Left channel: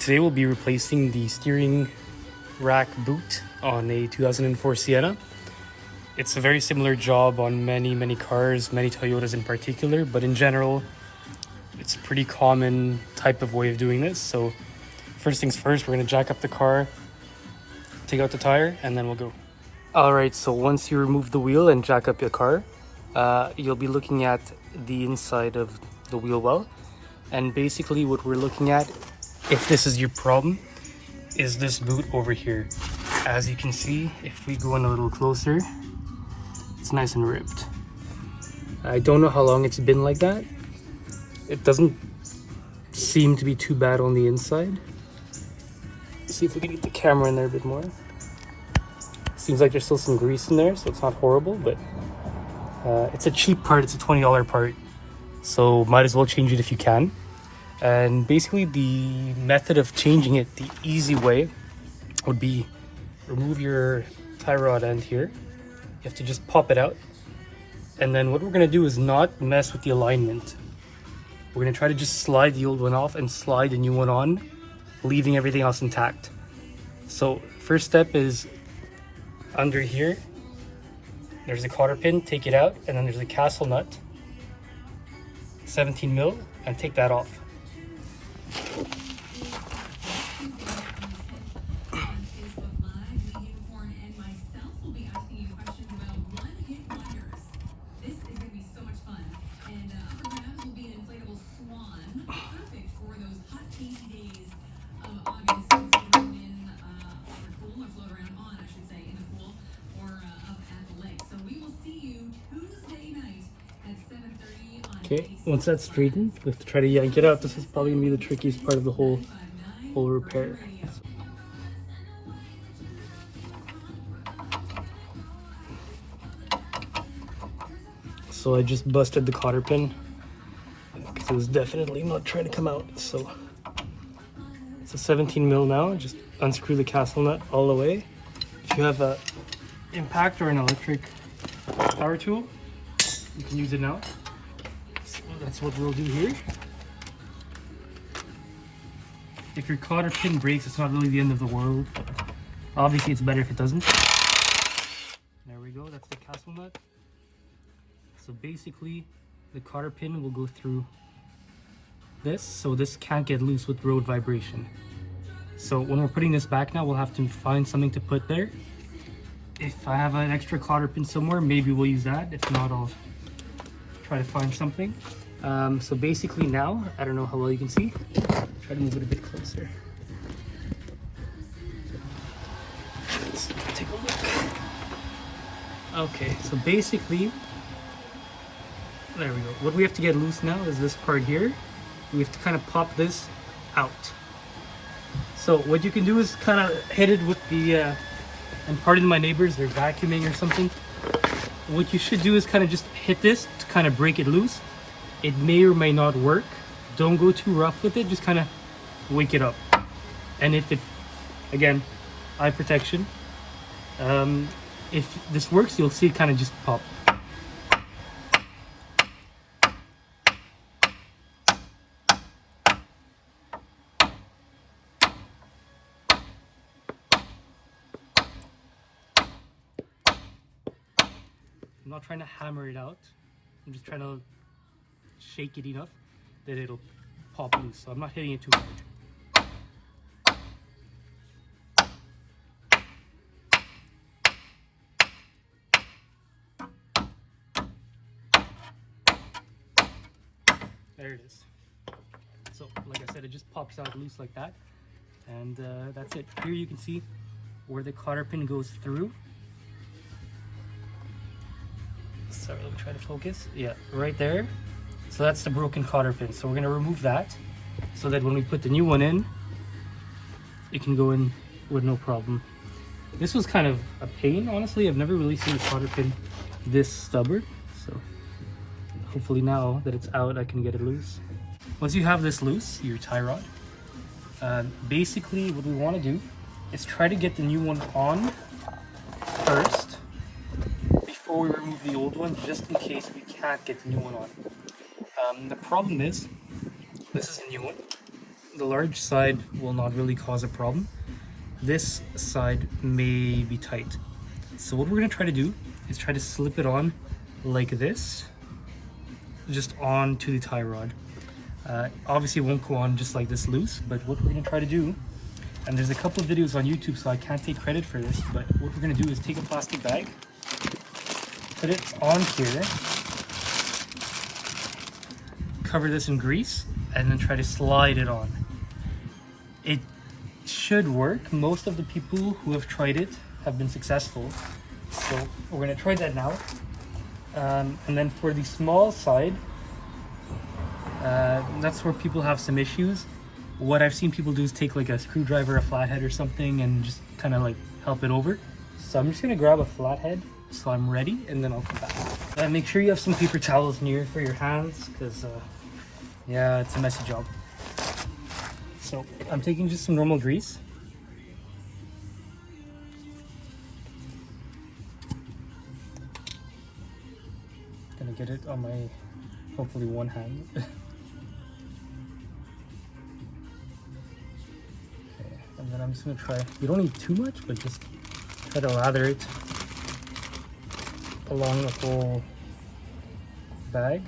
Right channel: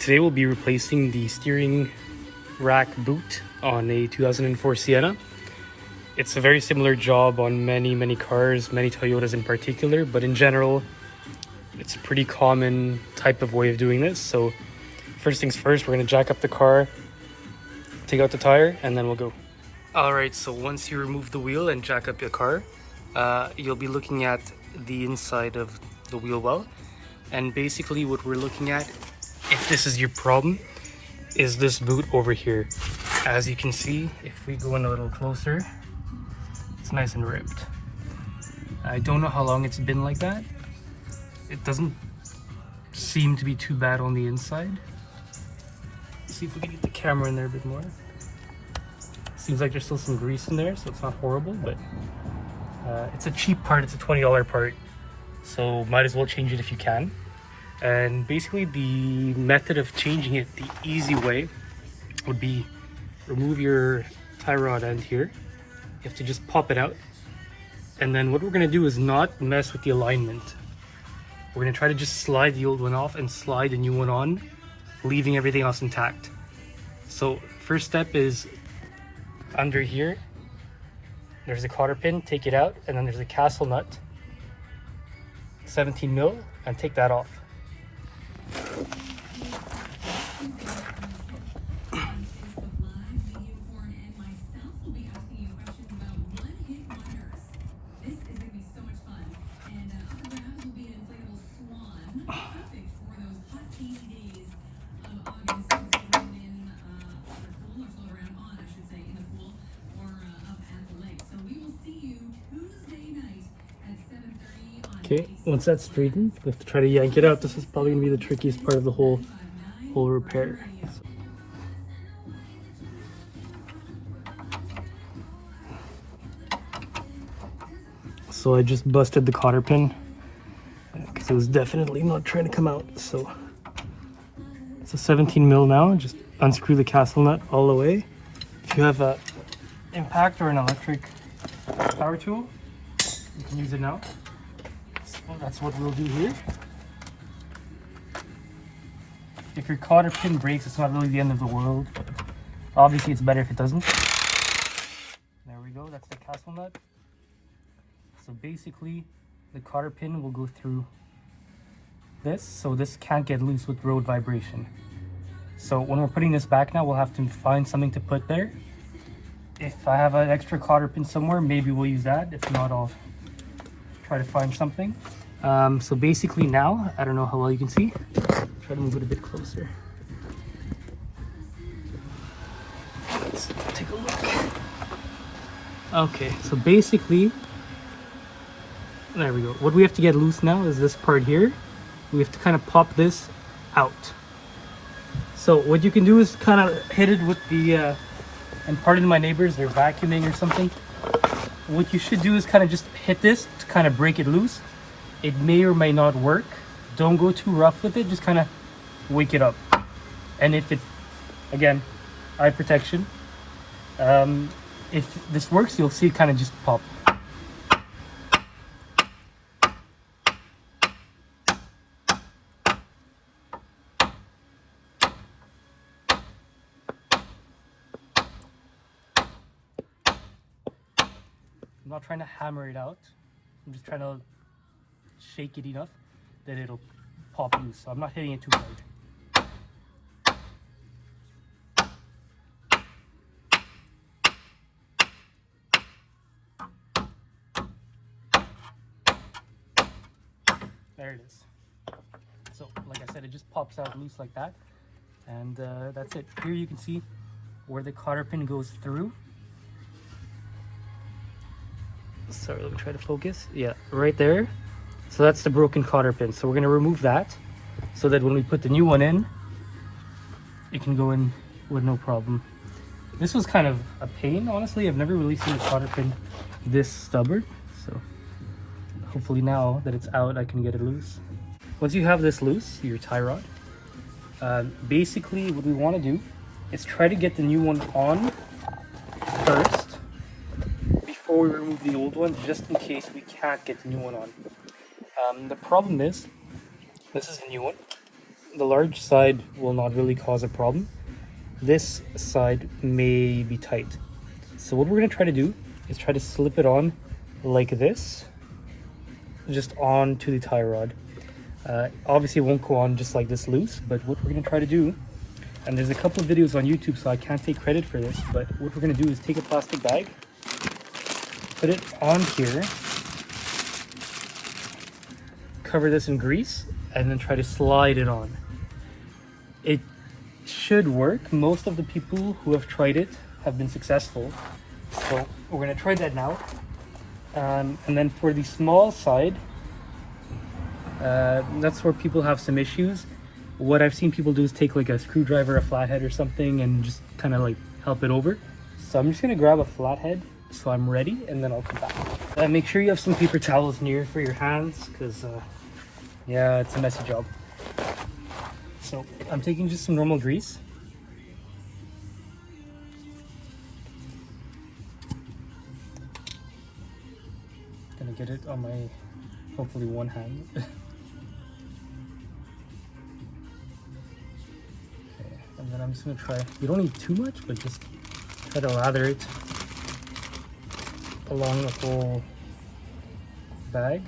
Today we'll be replacing the steering rack boot on a 2004 Sienna. It's a very similar job on many cars, many Toyotas in particular, but in general, it's a pretty common type of way of doing this. So first things first, we're gonna jack up the car, take out the tire, and then we'll go. All right, so once you remove the wheel and jack up your car, you'll be looking at the inside of the wheel well. And basically what we're looking at, if this is your problem, is this boot over here. As you can see, if we go in a little closer, it's nice and ripped. I don't know how long it's been like that. It doesn't seem to be too bad on the inside. Let's see if we can get the camera in there a bit more. Seems like there's still some grease in there, so it's not horrible, but it's a cheap part. It's a $20 part, so might as well change it if you can. And basically the method of changing it, the easy way, would be remove your tie rod end here. You have to just pop it out. And then what we're gonna do is not mess with the alignment. We're gonna try to just slide the old one off and slide the new one on, leaving everything else intact. So first step is under here, there's a cotter pin, take it out, and then there's a castle nut, 17 mil, and take that off. Okay, once that's straightened, we have to try to yank it out. This is probably gonna be the trickiest part of the whole repair. So I just busted the cotter pin because it was definitely not trying to come out. So it's a 17 mil now. Just unscrew the castle nut all the way. If you have an impact or an electric power tool, you can use it now. That's what we'll do here. If your cotter pin breaks, it's not really the end of the world. Obviously, it's better if it doesn't. There we go, that's the castle nut. So basically, the cotter pin will go through this, so this can't get loose with road vibration. So when we're putting this back now, we'll have to find something to put there. If I have an extra cotter pin somewhere, maybe we'll use that. If not, I'll try to find something. So basically now, I don't know how well you can see. Let me move it a bit closer. Let's take a look. Okay, so basically, there we go. What we have to get loose now is this part here. We have to kind of pop this out. So what you can do is kind of hit it with the, and pardon my neighbors, they're vacuuming or something. What you should do is kind of just hit this to kind of break it loose. It may or may not work. Don't go too rough with it, just kind of wake it up. And if it, again, eye protection, if this works, you'll see it kind of just pop. I'm not trying to hammer it out. I'm just trying to shake it enough that it'll pop loose. So I'm not hitting it too hard. There it is. So like I said, it just pops out loose like that. And that's it. Here you can see where the cotter pin goes through. Sorry, let me try to focus. Yeah, right there. So that's the broken cotter pin. So we're going to remove that so that when we put the new one in, it can go in with no problem. This was kind of a pain, honestly. I've never really seen a cotter pin this stubborn. So hopefully now that it's out, I can get it loose. Once you have this loose, your tie rod, basically what we want to do is try to get the new one on first before we remove the old one, just in case we can't get the new one on. The problem is, this is the new one. the large side will not really cause a problem. This side may be tight. So what we're going to try to do is try to slip it on like this, just onto the tie rod. Obviously it won't go on just like this loose, but what we're going to try to do, and there's a couple of videos on YouTube, so I can't take credit for this, but what we're going to do is take a plastic bag, put it on here, cover this in grease, and then try to slide it on. It should work. Most of the people who have tried it have been successful. So we're going to try that now. And then for the small side, that's where people have some issues. What I've seen people do is take like a screwdriver, a flathead or something, and just kind of like help it over. So I'm just going to grab a flathead so I'm ready, and then I'll come back. Make sure you have some paper towels near for your hands, because yeah, it's a messy job. So I'm taking just some normal grease. Gonna get it on my, hopefully, one hand. Okay, and then I'm just gonna try, you don't need too much, but just try to lather it along the whole bag.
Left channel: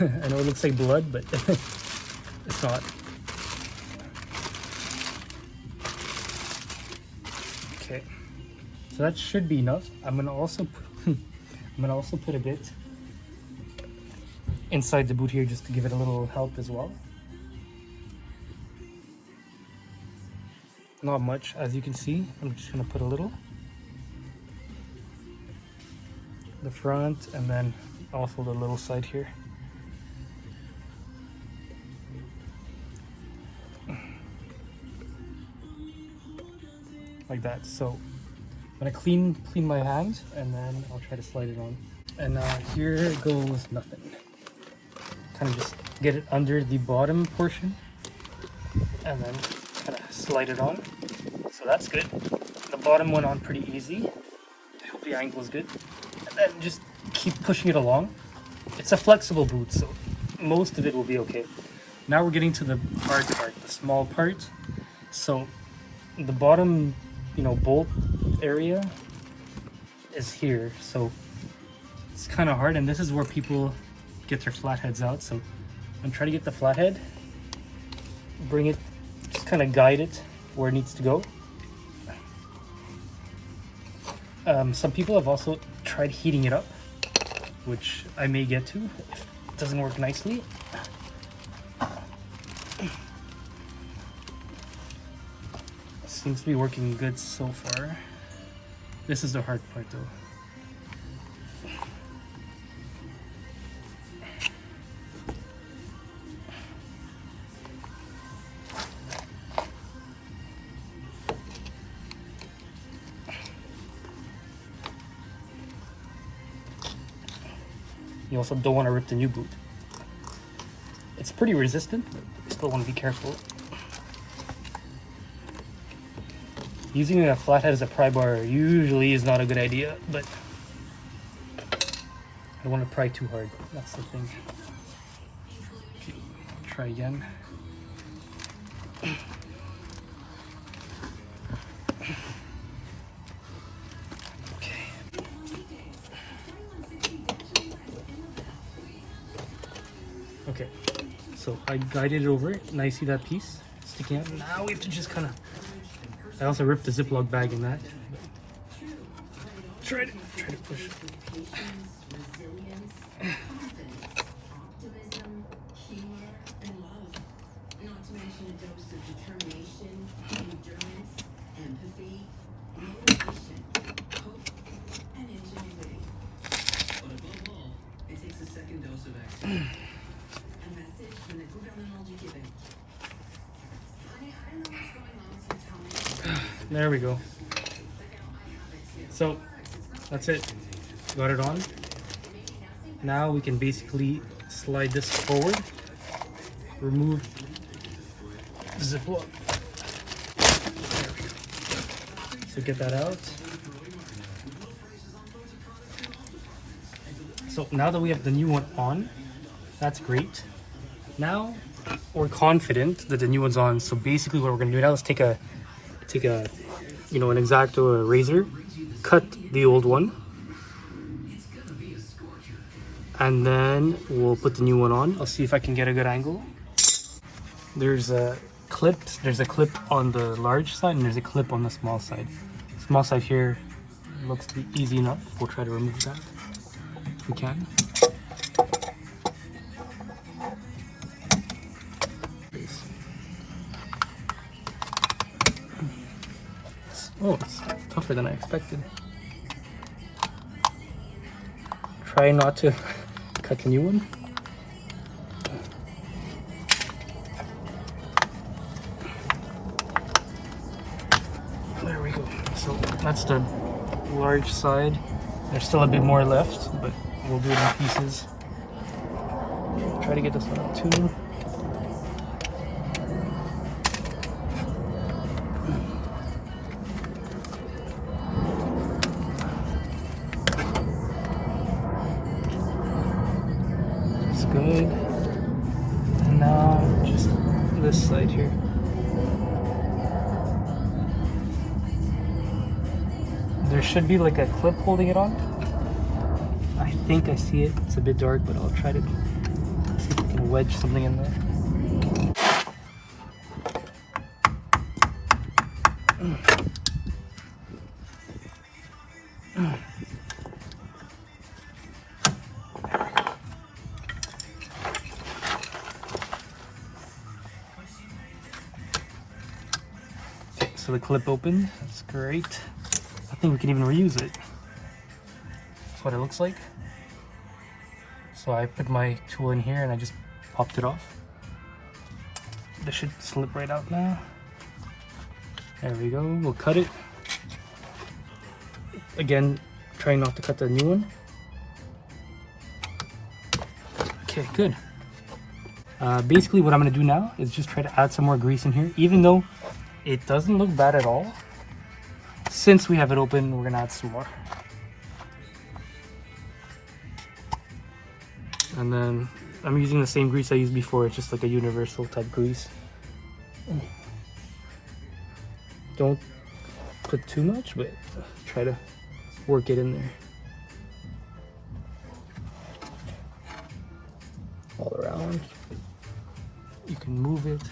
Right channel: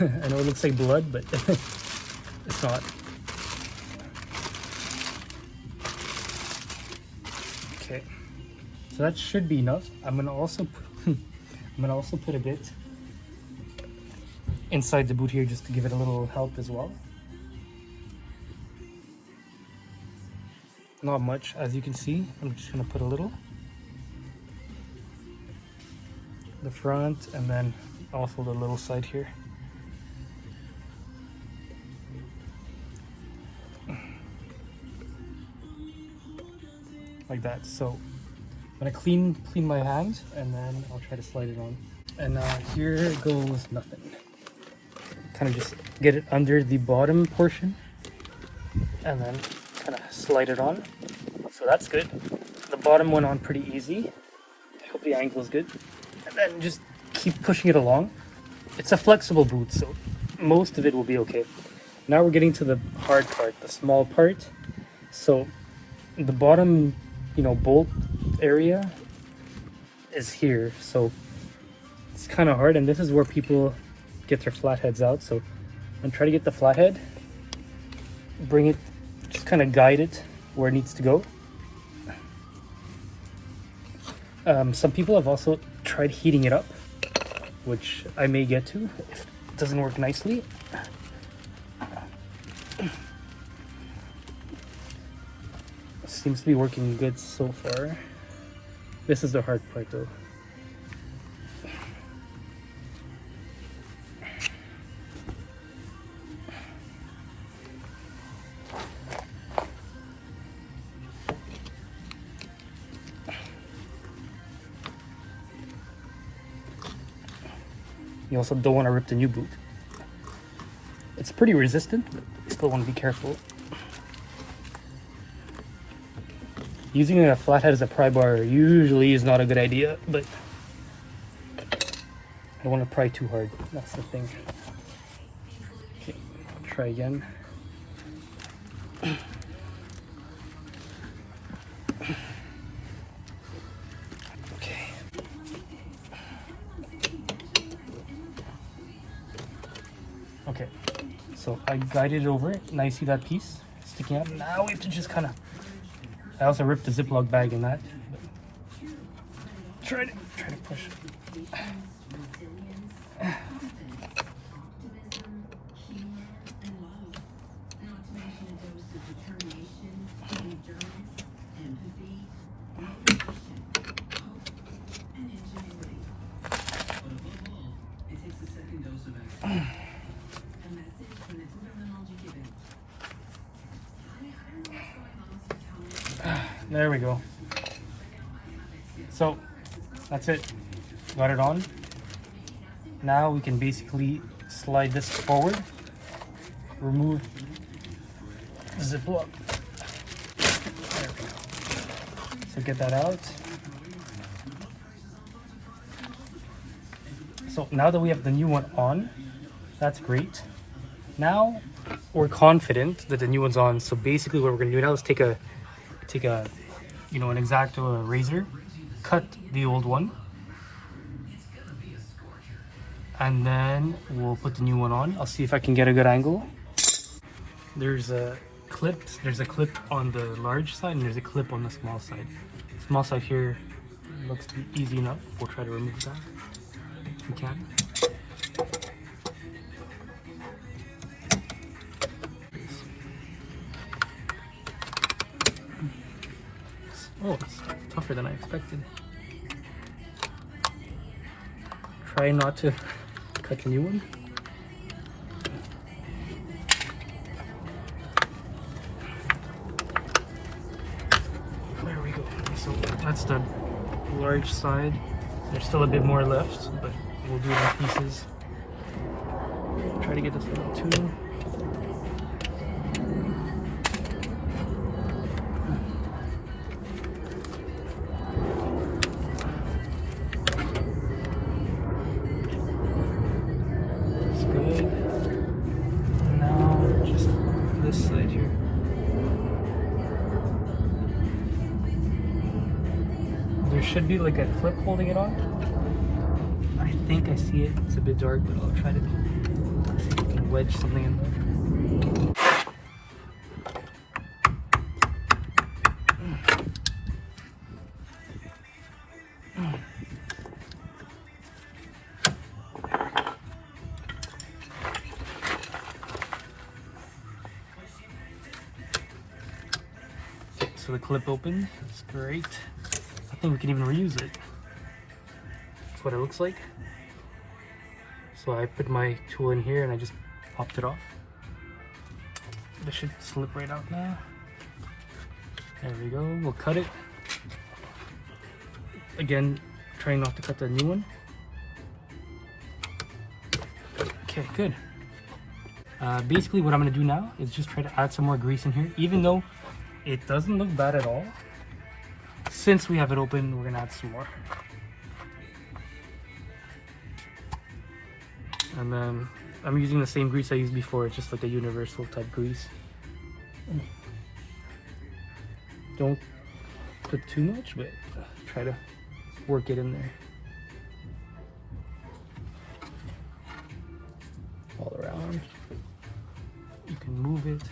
I know it looks like blood, but it's not. Okay, so that should be enough. I'm gonna also put a bit inside the boot here just to give it a little help as well. Not much, as you can see. I'm just gonna put a little. The front, and then also the little side here. Like that. So I'm gonna clean my hand, and then I'll try to slide it on. And here goes nothing. Kind of just get it under the bottom portion, and then kind of slide it on. So that's good. The bottom went on pretty easy. I hope the angle is good. And then just keep pushing it along. It's a flexible boot, so most of it will be okay. Now we're getting to the hard part, the small part. So the bottom, bolt area is here, so it's kind of hard, and this is where people get their flatheads out. So I'm trying to get the flathead, bring it, just kind of guide it where it needs to go. Some people have also tried heating it up, which I may get to if it doesn't work nicely. Seems to be working good so far. This is the hard part though. You also don't want to rip the new boot. It's pretty resistant, but you still want to be careful. Using a flathead as a pry bar usually is not a good idea, but I don't want to pry too hard. That's the thing. Okay, try again. Okay. Okay, so I guided it over. Now you see that piece sticking out. Now we have to just kind of, I also ripped the Ziploc bag in that. Try to push. There we go. So that's it. Got it on. Now we can basically slide this forward, remove Ziploc. So get that out. So now that we have the new one on, that's great. Now we're confident that the new one's on. So basically what we're gonna do now is take a you know, an X-Acto or a razor, cut the old one, and then we'll put the new one on. I'll see if I can get a good angle. There's a clip on the large side and there's a clip on the small side. Small side here looks to be easy enough. We'll try to remove that if we can. Oh, it's tougher than I expected. Try not to cut the new one. There we go. So that's the large side. There's still a bit more left, but we'll do it in pieces. Try to get this one too. That's good. And now just this side here. There should be like a clip holding it on. I think I see it. It's a bit dark, but I'll try to see if I can wedge something in there. So the clip opened. That's great. I think we can even reuse it. That's what it looks like. So I put my tool in here and I just popped it off. This should slip right out now. There we go. We'll cut it. Again, trying not to cut the new one. Okay, good. Basically what I'm going to do now is just try to add some more grease in here, even though it doesn't look bad at all. Since we have it open, we're going to add some more. And then I'm using the same grease I used before. It's just like a universal type grease. Don't put too much, but try to work it in there. All around. You can move it.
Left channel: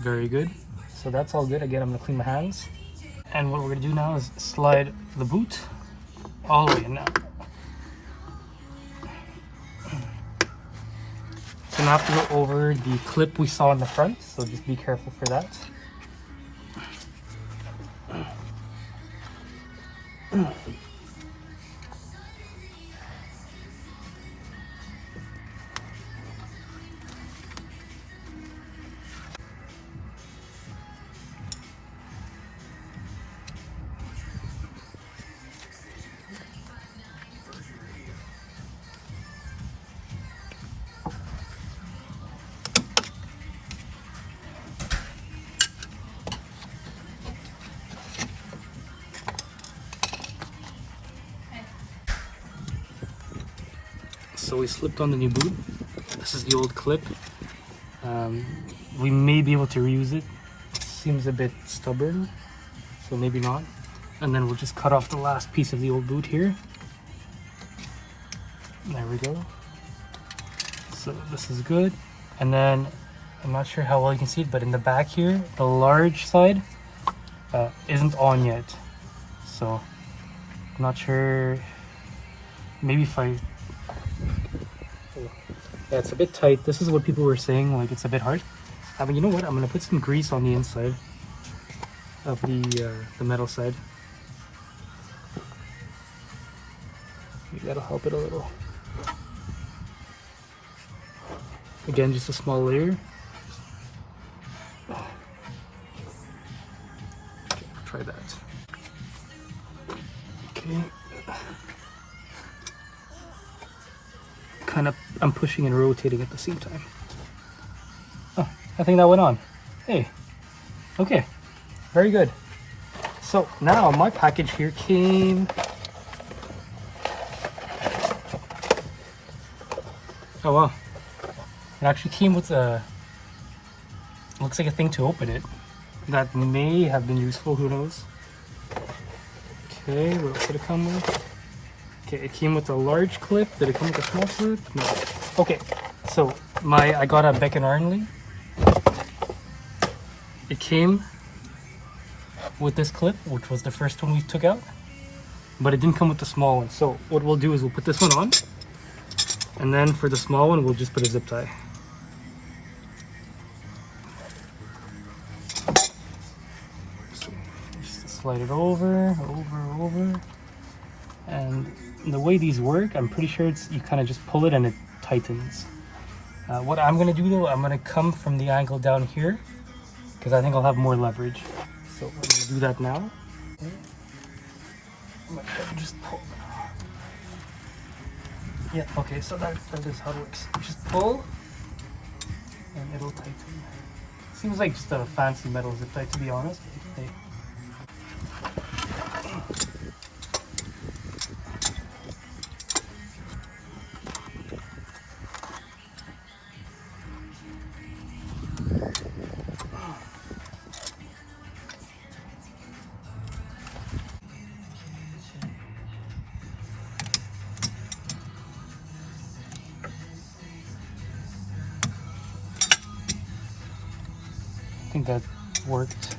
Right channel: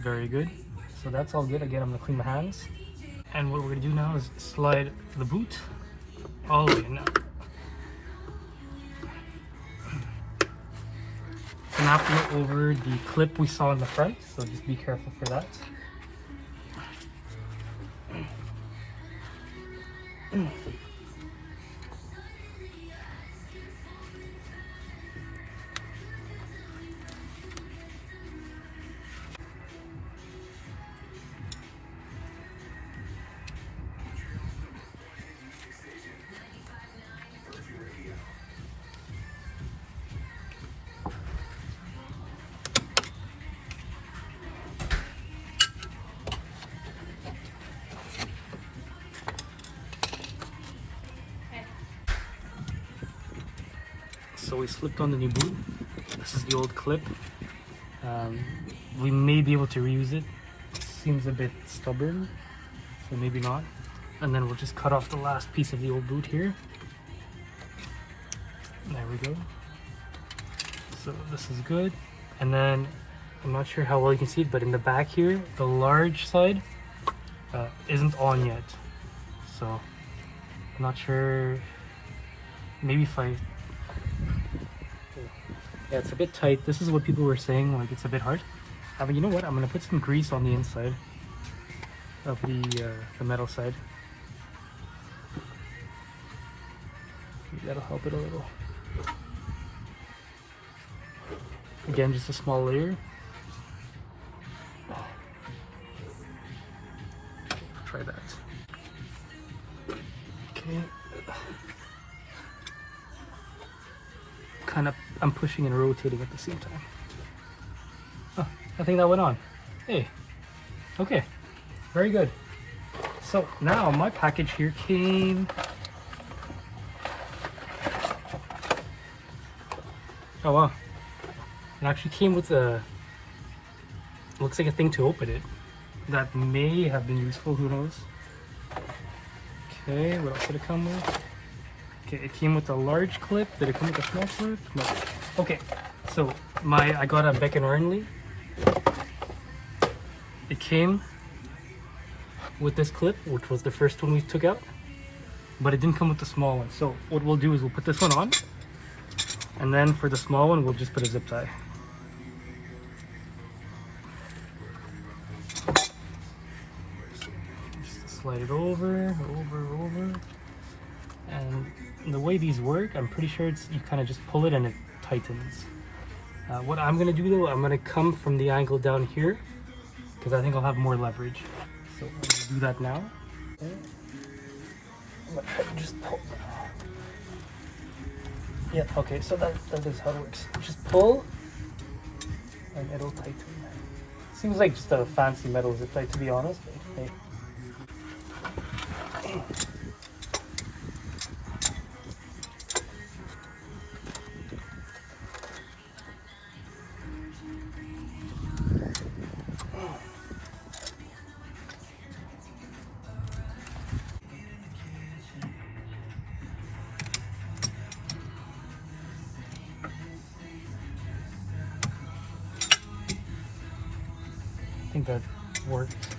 Very good. So that's all good. Again, I'm gonna clean my hands. And what we're gonna do now is slide the boot all the way in now. So now I have to go over the clip we saw in the front, so just be careful for that. So we slipped on the new boot. This is the old clip. We may be able to reuse it. Seems a bit stubborn, so maybe not. And then we'll just cut off the last piece of the old boot here. There we go. So this is good. And then I'm not sure how well you can see it, but in the back here, the large side isn't on yet. So I'm not sure. Maybe if I... Yeah, it's a bit tight. This is what people were saying, like it's a bit hard. But you know what? I'm gonna put some grease on the inside of the metal side. Maybe that'll help it a little. Again, just a small layer. Okay. Kind of, I'm pushing and rotating at the same time. Oh, I think that went on. Hey. Okay. Very good. So now my package here came. Oh well. It actually came with a. Looks like a thing to open it. That may have been useful, who knows? Okay, what else did it come with? Okay, it came with a large clip. Did it come with a small clip? No. Okay, so I got a Beck & Arnley. It came with this clip, which was the first one we took out, but it didn't come with the small one. So what we'll do is we'll put this one on, and then for the small one, we'll just put a zip tie. Slide it over, and the way these work, I'm pretty sure it's you kind of just pull it and it tightens. What I'm gonna do though, I'm gonna come from the angle down here because I think I'll have more leverage. So I'm gonna do that now. Okay. I'm gonna try to just pull. Yeah, okay, so that is how it works. Just pull and it'll tighten. Seems like just a fancy metal zip tie, to be honest, but hey. I think that worked.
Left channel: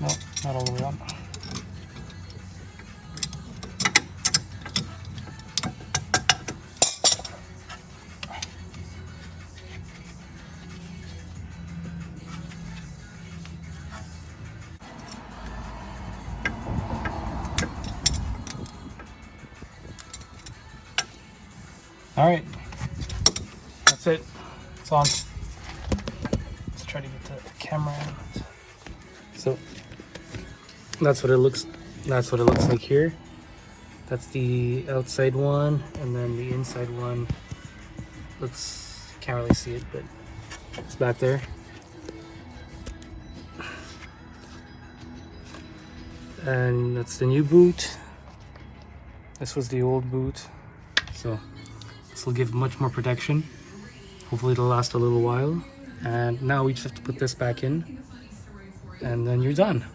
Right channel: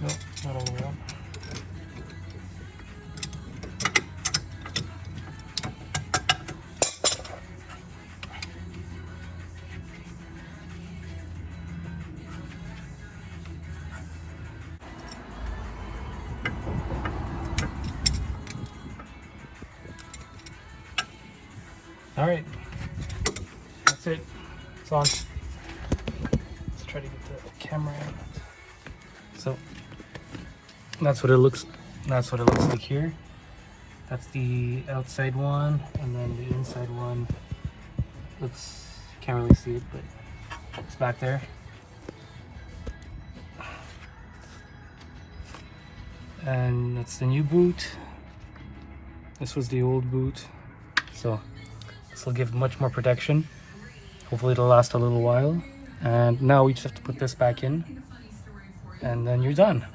No, not all the way up. All right, that's it. It's on. Let's try to get the camera out. So that's what it looks. That's what it looks like here. That's the outside one, and then the inside one looks. Can't really see it, but it's back there. And that's the new boot. This was the old boot. So this will give much more protection. Hopefully it'll last a little while. And now we just have to put this back in, and then you're done.